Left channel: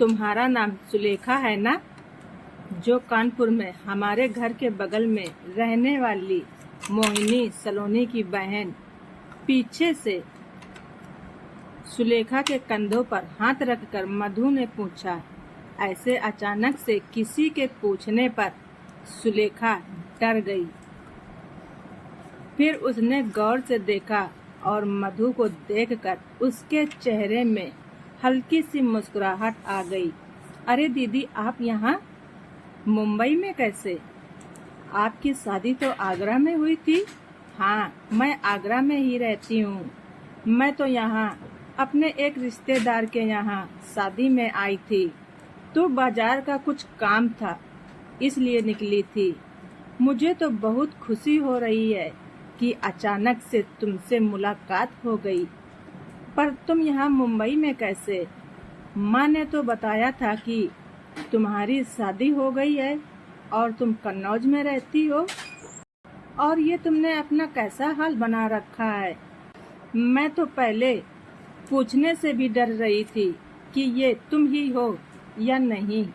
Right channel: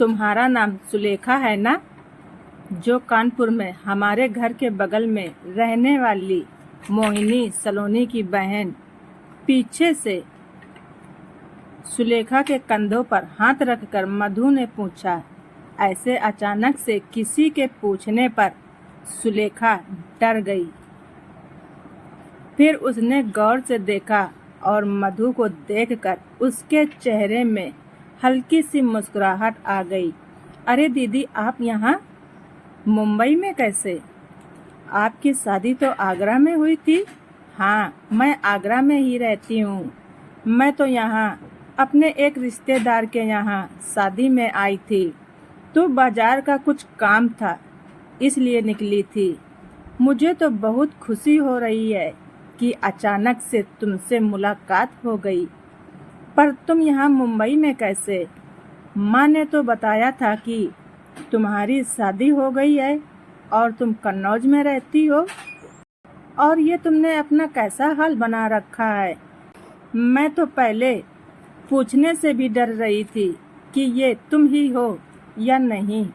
तुम्हारा नाम सुलेखा है ना, जो कानपुर में हमारे घर के बगल में रहने वाली मोहिनी सलोनी की बहन। पीछे से सुलेखा के कंधों पर हाथ रखकर मधु ने पूछा। ऐसे अचानक से किसी के पूछने पर सुलेखा डर गई। फिर उसने गौर से देखा और मधु को देखकर उसके चेहरे में हल्की सी मुस्कुराहट आ गई। अरे दीदी, आप यहाँ मुंबई में कैसे? आपकी शादी तो आगरा में हुई थी। हाँ, मैं आगरा में ही रहती हूँ। मैं तो यहाँ अपने एक रिश्तेदार के यहाँ शादी में आई थी, तो बाजार का कुछ काम था, इसलिए निकली थी। मुझे तो बहुत खुशी हो रही है कि अचानक से तुमसे मुलाकात हो गई। पर तुम यहाँ मुंबई में कैसे? माँ ने तो बताया था कि तुम्हारी शादी हो गई है और तुम कन्नौज में रहती हो। और ये तुमने अपना कैसा हाल बना रखा है? मैं तो पहले पूछने से भी डर रही थी कि ये तुम ही हो या नहीं।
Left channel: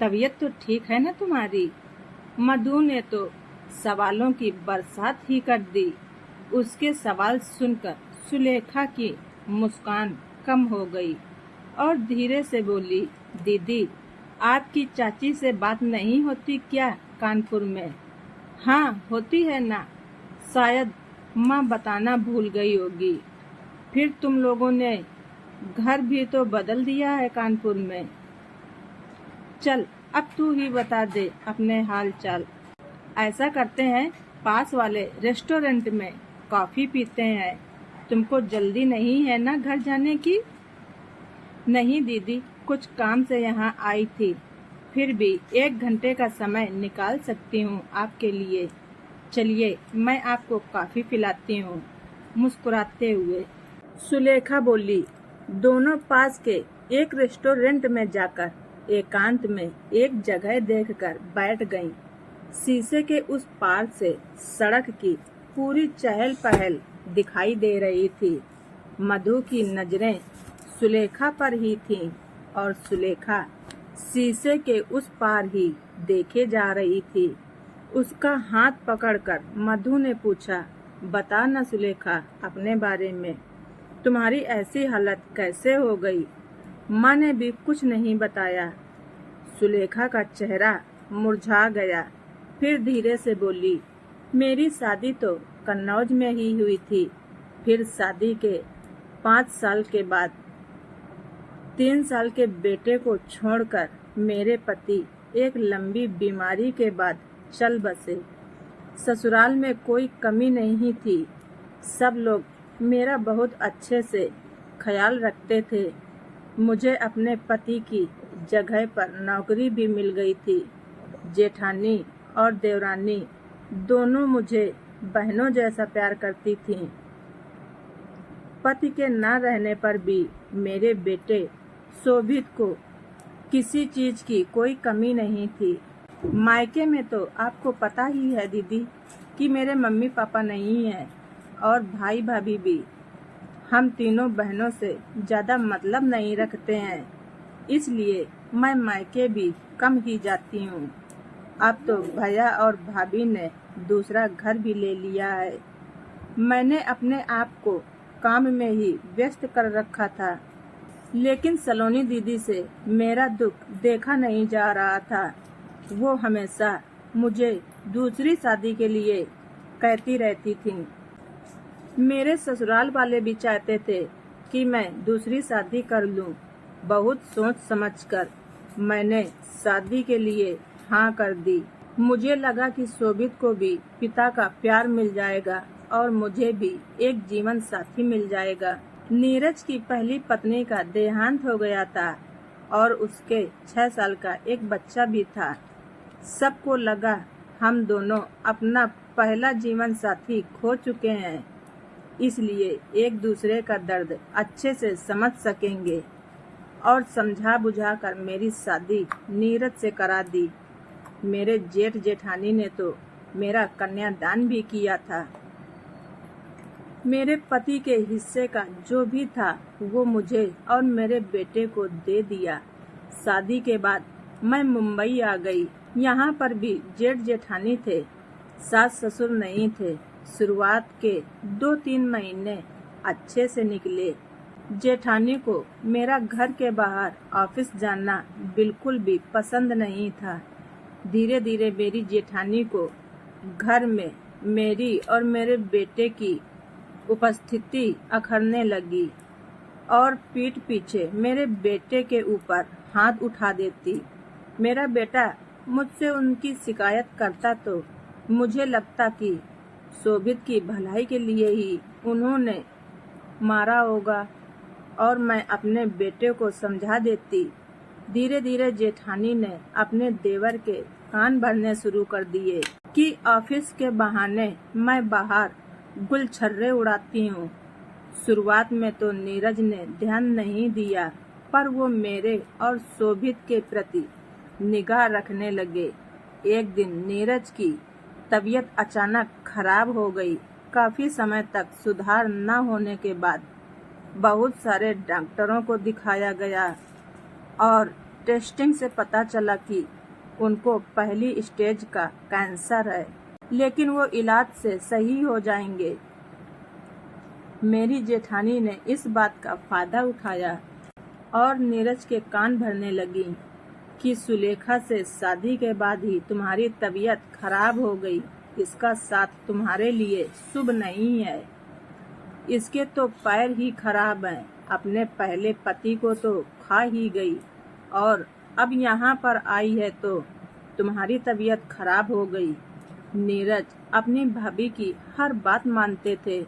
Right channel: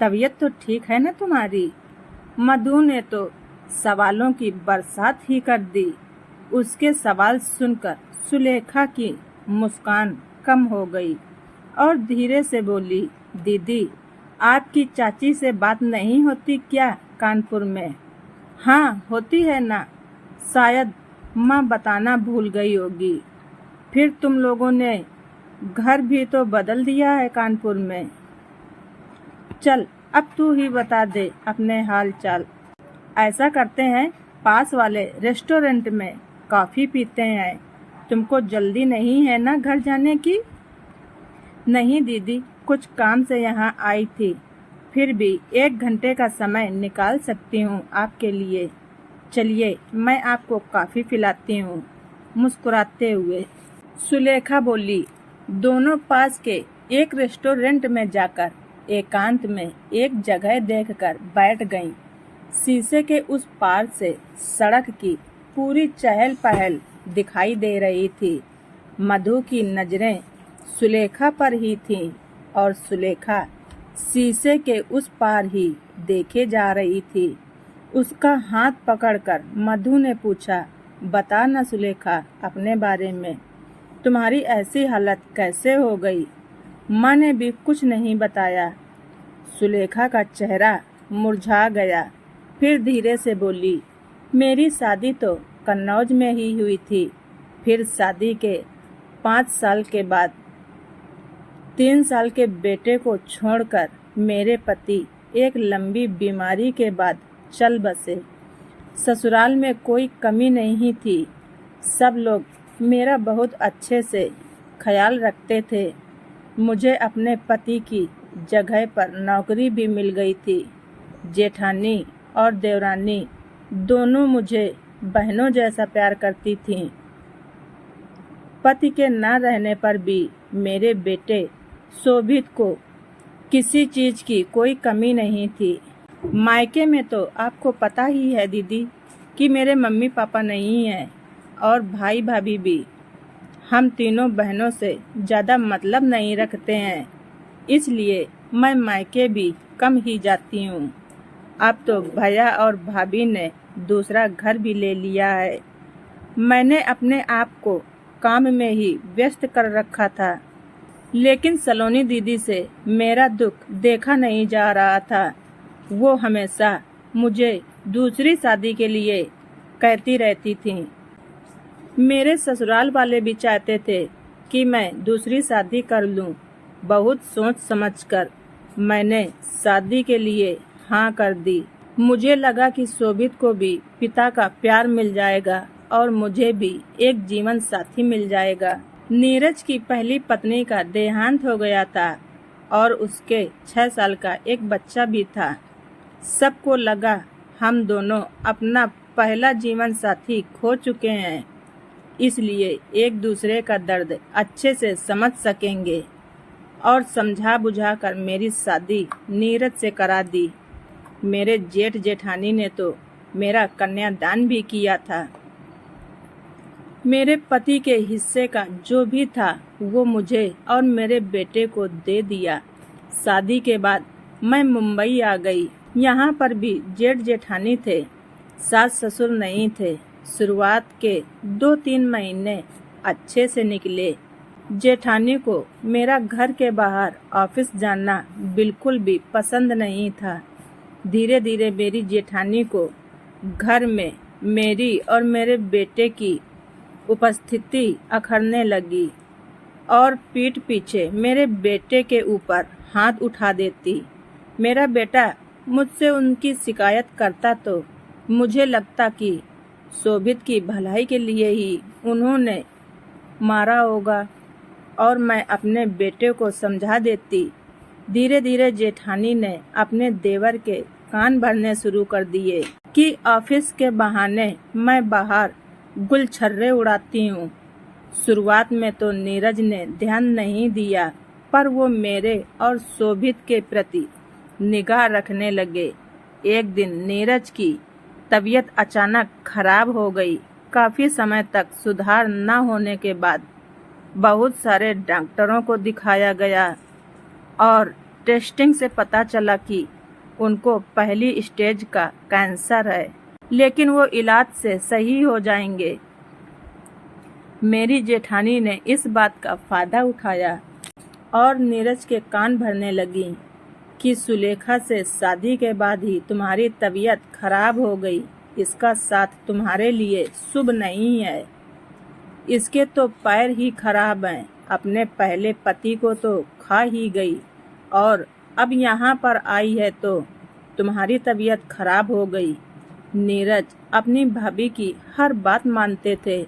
तबीयत तो ठीक है ना तुम्हारी? मधु ने तो सवालों की बरसात ही कर दी। उसके सवाल सुनकर सुलेखा की मुस्कान कम हो गई और धीरे से बोली, दीदी, आपकी चाची से बात नहीं होती क्या कानपुर में? हाँ, होती है ना। शायद माँ बताना भूल गई होगी। फिर तुम लोगों ने घर भी तो बदल दिया है कानपुर में। चल, अब तू ही बता दे अपने हाल चाल। ऐसा करते हैं, पास वाले रेस्टोरेंट में कॉफ़ी पीते हैं। तुमको जल्दी नहीं है ना घर जाने की? नहीं दीदी, कुछ काम से यहाँ आई थी, फिर भी 1 घंटे का समय निकाल सकती हूँ आपके लिए। चलिए, मैं आपको कॉफ़ी पिलाती हूँ। मुस्कुराते हुए सुलेखा बोली। दोनों पास के एक रेस्टोरेंट में जाकर एकांत में एक जगह देखकर बैठ गईं। शीशे के उस पार से सड़क की पूरी चहल पहल दिखाई दे रही थी। मधु की नजरें सुलेखा पर ही थीं और सुलेखा शीशे के उस पार ही देखे जा रही थी। उसका हाथ पकड़कर मधु ने पूछा, बता ना सुलेखा अपने बारे में। तुम्हारी ऐसी हालत कैसे हो गई? माँ ने भी कुछ नहीं बताया। सुलेखा का चेहरा मुरझा गया। फिर धीरे से बोली, मेरी शादी तो कन्नौज में ही हुई थी। फिर शादी के 5 साल के बाद 3 साल के बेटे को छोड़कर मेरे पति एक लंबी बीमारी के बाद चल बसे। ससुराल में कोई कमी नहीं थी। सब लोग मेरा बहुत अच्छे से ख्याल रखते थे। मुझे अपने पति की जगह पर नौकरी भी मिल गई थी। जेठानी और देवरानी दोनों मुझे बहनों जैसा प्यार करती थीं। पति के न रहने पर भी मेरे बेटे शोभित को किसी चीज की कोई कमी नहीं थी। मायके में तो आपको पता ही है दीदी कि मेरे मम्मी पापा नहीं हैं और भाई भाभी भी। हम तीनों बहनों से ज़्यादा मतलब नहीं रखते हैं, इसलिए मैं मायके भी कम ही जाती हूँ। अब तो भैया और भाभी ने दूसरा घर भी ले लिया है। मैंने अपने आप को काम में ही व्यस्त कर रखा था, लेकिन सलोनी दीदी से मेरा दुख देखा नहीं जा रहा था। वो हमेशा मुझे दूसरी शादी के लिए कहती रहती थी। मेरे ससुराल वाले भी चाहते थे कि मैं दूसरी शादी कर लूं। बहुत सोच समझकर मैंने शादी के लिए हाँ कर दी। मुझे लगा कि शोभित को भी पिता का प्यार मिल जाएगा और मुझे भी एक जीवन साथी मिल जाएगा। नीरज की पहली पत्नी का देहांत हो गया था और उसके 6 साल का एक बच्चा भी था। सबको लगा हम दोनों अपना पहला जीवन साथी खो चुके हैं, इसलिए एक दूसरे का दर्द अच्छे से समझ सकेंगे और समझा बुझा कर मेरी शादी नीरज से करा दी। मेरे जेठ जेठानी ने तो मेरा कन्यादान भी किया था। मेरे पति के हिस्से का जो भी था वो मुझे और मेरे बेटे को दे दिया। शादी के बाद मैं मुंबई आ गई। यहाँ पर भी जेठ जेठानी थे, सास ससुर नहीं थे। शुरुआत के 2-3 महीने अच्छे से निकले। जेठानी को मेरा घर के बाहर ऑफिस जाना बिल्कुल भी पसंद नहीं था। धीरे धीरे मेरी जेठानी को घर में मेरी और मेरे बेटे की उपस्थिति अखरने लगी और पीठ पीछे मेरे बेटे के ऊपर हाथ उठा देती। मेरा बेटा मुझसे उनकी शिकायत करता तो मुझे लगता कि शोभित की भलाई के लिए ही उन्होंने मारा होगा और मैं अपने बेटे को समझा देती। धीरे धीरे जेठानी ने अपने देवर के कान भरने शुरू कर दिए कि ऑफिस के बहाने मैं बाहर गुलछर्रे उड़ाती हूँ। शुरुआत में तो नीरज ने ध्यान नहीं दिया, पर वो मेरे और शोभित के प्रति निगाह रखने लगे। एक दिन नीरज की तबीयत अचानक खराब हो गई। काफी समय तक सुधार न होने के बाद बहुत सारे डॉक्टरों को दिखाया गया और टेस्टिंग से पता चला कि उनको पहली स्टेज का कैंसर है, लेकिन वो इलाज से सही हो जाएंगे। मेरी जेठानी ने इस बात का फायदा उठाया और नीरज के कान भरने लगी कि सुलेखा से शादी के बाद ही तुम्हारी तबीयत खराब हो गई। इसका साथ तुम्हारे लिए शुभ नहीं है। इसके तो पैर ही खराब हैं। अपने पहले पति को तो खा ही गई और अब यहाँ पर आई है तो तुम्हारी तबीयत खराब हो गई। नीरज अपनी भाभी की हर बात मानते थे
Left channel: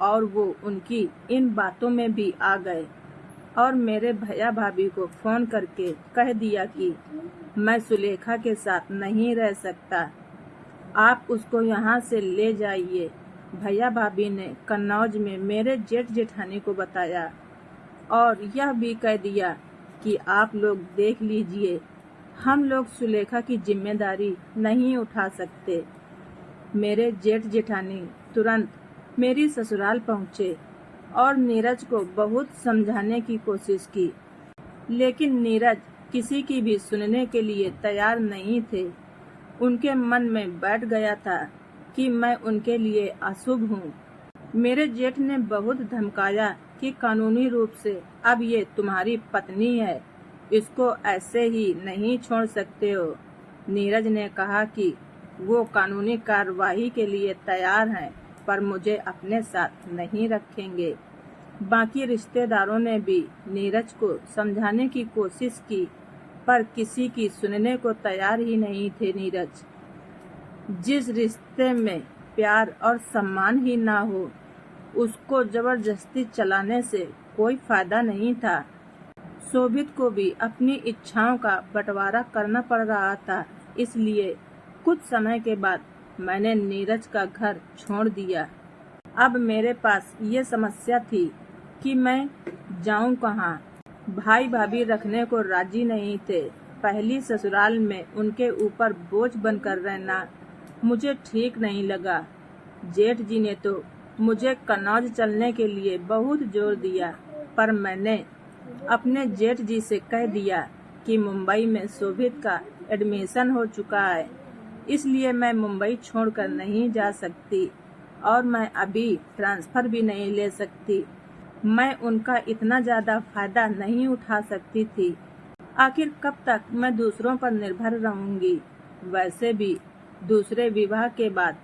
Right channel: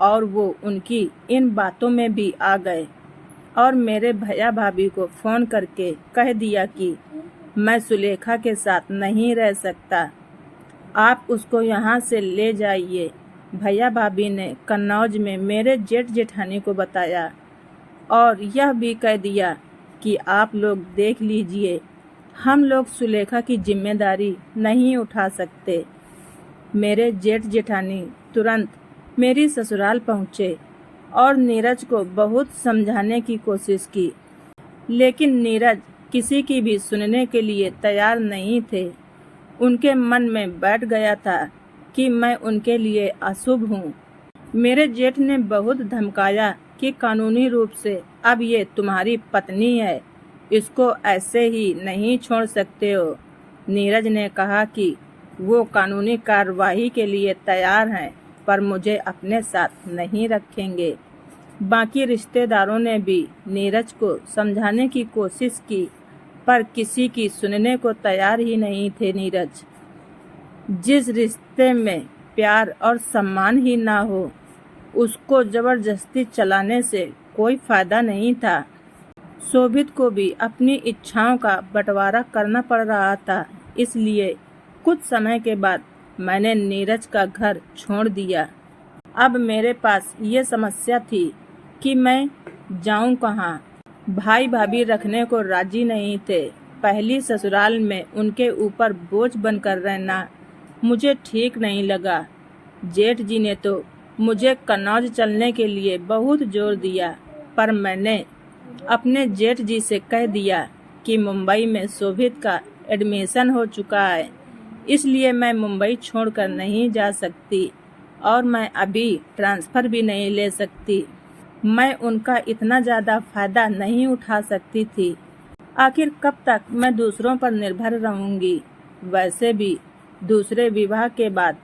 और वो उनकी इन बातों में भी आ गए और मेरे भैया भाभी को फोन करके कह दिया कि मैं सुलेखा के साथ नहीं रह सकता, आप उसको यहाँ से ले जाइए। भैया भाभी ने कन्नौज में मेरे जेठ जेठानी को बताया और यह भी कह दिया कि आप लोग देख लीजिए, हम लोग सुलेखा की जिम्मेदारी नहीं उठा सकते। मेरे जेठ जेठानी तुरंत मेरी ससुराल पहुँचे और नीरज को बहुत समझाने की कोशिश की, लेकिन नीरज किसी की भी सुनने के लिए तैयार नहीं थे। उनके मन में बैठ गया था कि मैं उनके लिए अशुभ हूँ। मेरे जेठ ने बहुत धमकाया कि कानूनी रूप से अब ये तुम्हारी पत्नी है, इसको ऐसे ही नहीं छोड़ सकते हो। नीरज ने कहा कि वो कानूनी कार्रवाई के लिए तैयार हैं, पर मुझे अपने साथ नहीं रखेंगे। बाकी रिश्तेदारों ने भी नीरज को समझाने की कोशिश की, पर किसी की सुनने को तैयार ही नहीं थे। नीरज, जिस रिश्ते में प्यार और सम्मान ही ना हो, उसको जबरदस्ती चलाने से कोई फायदा नहीं था। शोभित को भी अपनी इच्छाओं का बंटवारा करना पड़ रहा था, इसलिए कुछ समय के बाद मैंने नीरज का घर छोड़ दिया। अब मेरे पास ये समस्या थी कि मैं जाऊं कहाँ। भाई भाभी रखने को राजी नहीं थे। पहली ससुराल में उनके ऊपर बोझ बनकर रहना मुझे ठीक नहीं लगा। जेठ जी ने तो मुझे कन्नौज चलने के लिए बहुत जोर दिया, पर मैंने अपने जेठ जी से कह दिया कि मुंबई में शोभित का एडमिशन हो चुका है, इसलिए मैं मुंबई छोड़कर नहीं जा सकती और मैं अभी ट्रांसफ़र भी नहीं ले सकती। मैं उनका इतना ज़्यादा फ़ायदा नहीं उठा सकती थी। आखिर कब तक मैं दूसरों पर निर्भर रहूँगी। वैसे भी दूसरे विवाह के बाद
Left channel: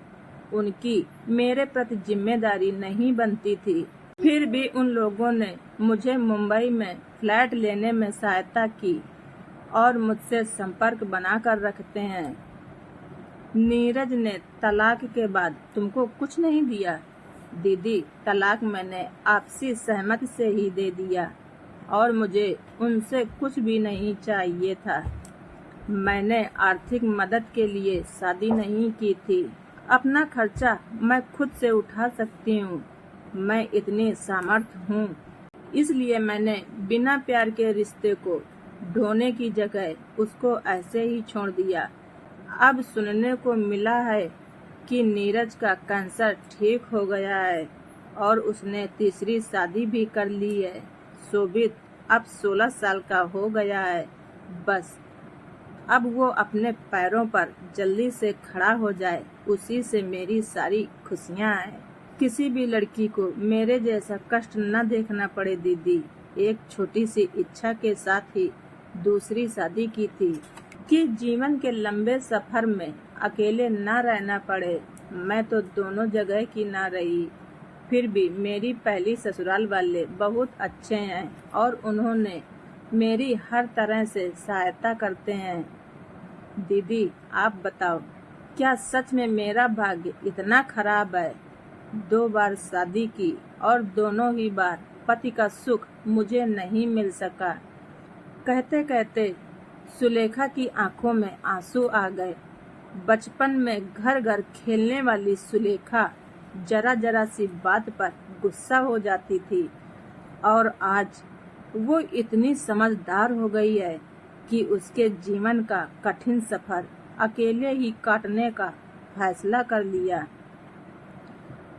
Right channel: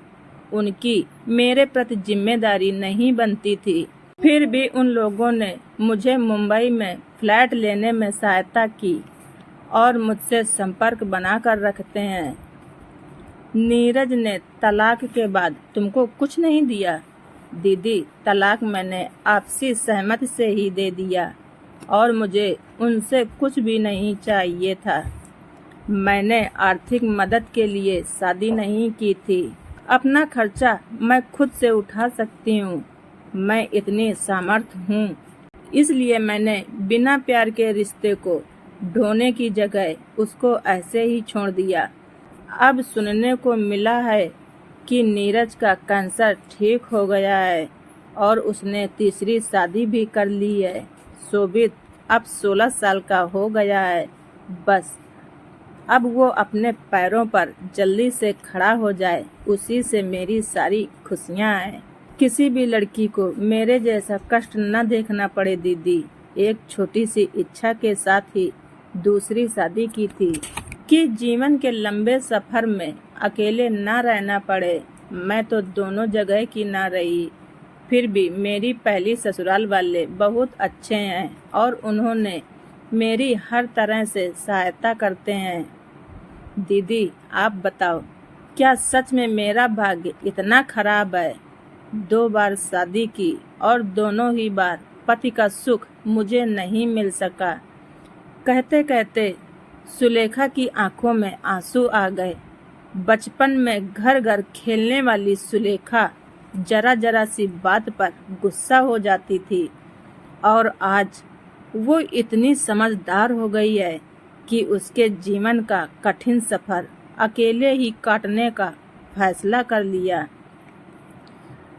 उनकी मेरे प्रति जिम्मेदारी नहीं बनती थी। फिर भी उन लोगों ने मुझे मुंबई में फ्लैट लेने में सहायता की और मुझसे संपर्क बनाकर रखते हैं। नीरज ने तलाक के बाद तुमको कुछ नहीं दिया? दीदी, तलाक मैंने आपसी सहमति से ही दे दिया और मुझे उनसे कुछ भी नहीं चाहिए था। मैंने आर्थिक मदद के लिए शादी नहीं की थी। अपना खर्चा मैं खुद से उठा सकती हूँ। मैं इतनी सामर्थ्य हूँ, इसलिए मैंने बिना प्यार के रिश्ते को ढोने की जगह उसको ऐसे ही छोड़ दिया। अब सुनने को मिला है कि नीरज का कैंसर ठीक हो गया है और उसने तीसरी शादी भी कर ली है। शोभित अब 16 साल का हो गया है बस अब वो अपने पैरों पर जल्दी से खड़ा हो जाए, उसी से मेरी सारी खुशियाँ हैं। किसी भी लड़की को मेरे जैसा कष्ट न देखना पड़े दीदी। एक छोटी सी इच्छा के साथ ही दूसरी शादी की थी कि जीवन के लंबे सफर में अकेले न रहना पड़े। मैं तो दोनों जगह की न रही, फिर भी मेरी पहली ससुराल वाले बहुत अच्छे हैं और उन्होंने मेरी हर तरह से सहायता करते हैं। दीदी आप बताओ, क्या सच में मेरा भाग्य इतना खराब है? 2 बार शादी की और दोनों ही बार पति का सुख मुझे नहीं मिल सका। कहते कहते सुलेखा की आंखों में आंसू आ गए। बचपन में घर घर खेलने वाली सुलेखा जरा जरा सी बात पर गुस्सा हो जाती थी और आज वो इतनी समझदार हो गई है कि उसके जीवन का कठिन सफर अकेले ही काटने का फैसला कर लिया।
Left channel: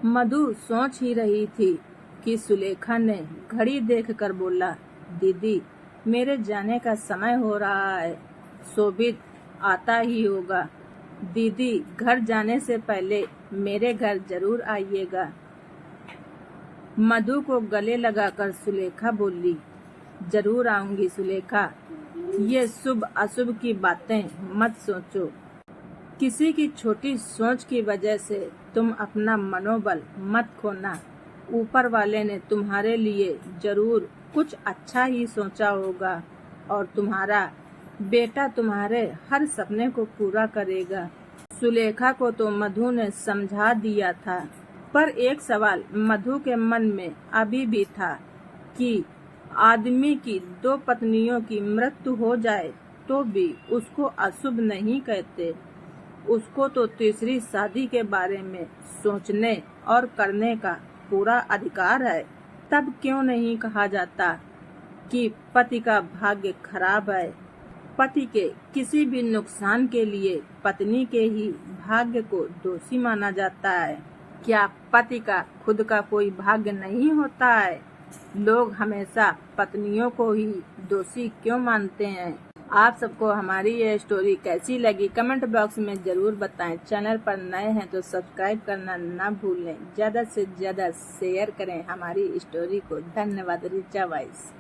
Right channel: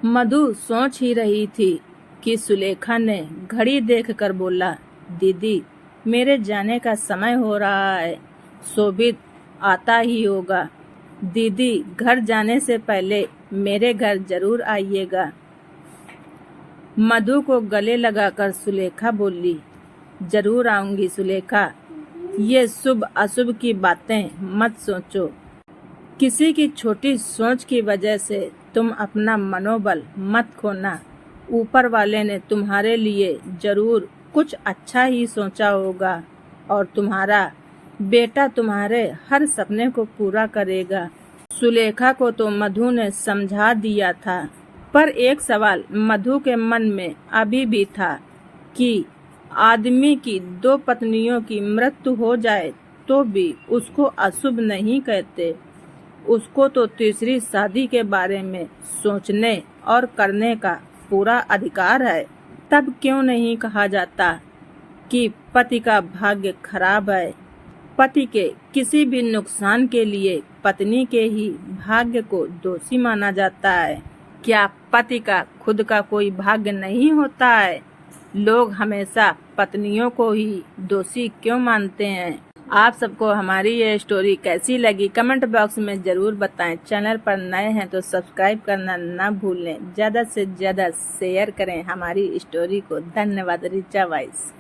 मधु सोच ही रही थी कि सुलेखा ने घड़ी देखकर बोला, दीदी मेरे जाने का समय हो रहा है, शोभित आता ही होगा। दीदी घर जाने से पहले मेरे घर जरूर आइएगा। मधु को गले लगाकर सुलेखा बोली, जरूर आऊंगी सुलेखा। ये शुभ अशुभ की बातें मत सोचो। किसी की छोटी सोच की वजह से तुम अपना मनोबल मत खोना। ऊपर वाले ने तुम्हारे लिए जरूर कुछ अच्छा ही सोचा होगा और तुम्हारा बेटा तुम्हारे हर सपने को पूरा करेगा। सुलेखा को तो मधु ने समझा दिया था, पर एक सवाल मधु के मन में अभी भी था कि आदमी की 2 पत्नियों की मृत्यु हो जाए तो भी उसको अशुभ नहीं कहते। उसको तो तीसरी शादी के बारे में सोचने और करने का पूरा अधिकार है। तब क्यों नहीं कहा जाता कि पति का भाग्य खराब है? पति के किसी भी नुकसान के लिए पत्नी के ही भाग्य को दोषी माना जाता है। क्या पति का खुद का कोई भाग्य नहीं होता है? लोग हमेशा पत्नियों को ही दोषी क्यों मानते हैं? आप सबको हमारी ये स्टोरी कैसी लगी कमेंट बॉक्स में ज़रूर बताएं। चैनल पर नए हैं तो सब्सक्राइब करना ना भूलें। ज़्यादा से ज़्यादा शेयर करें हमारी स्टोरी को। धन्यवाद। रिचा वाइस।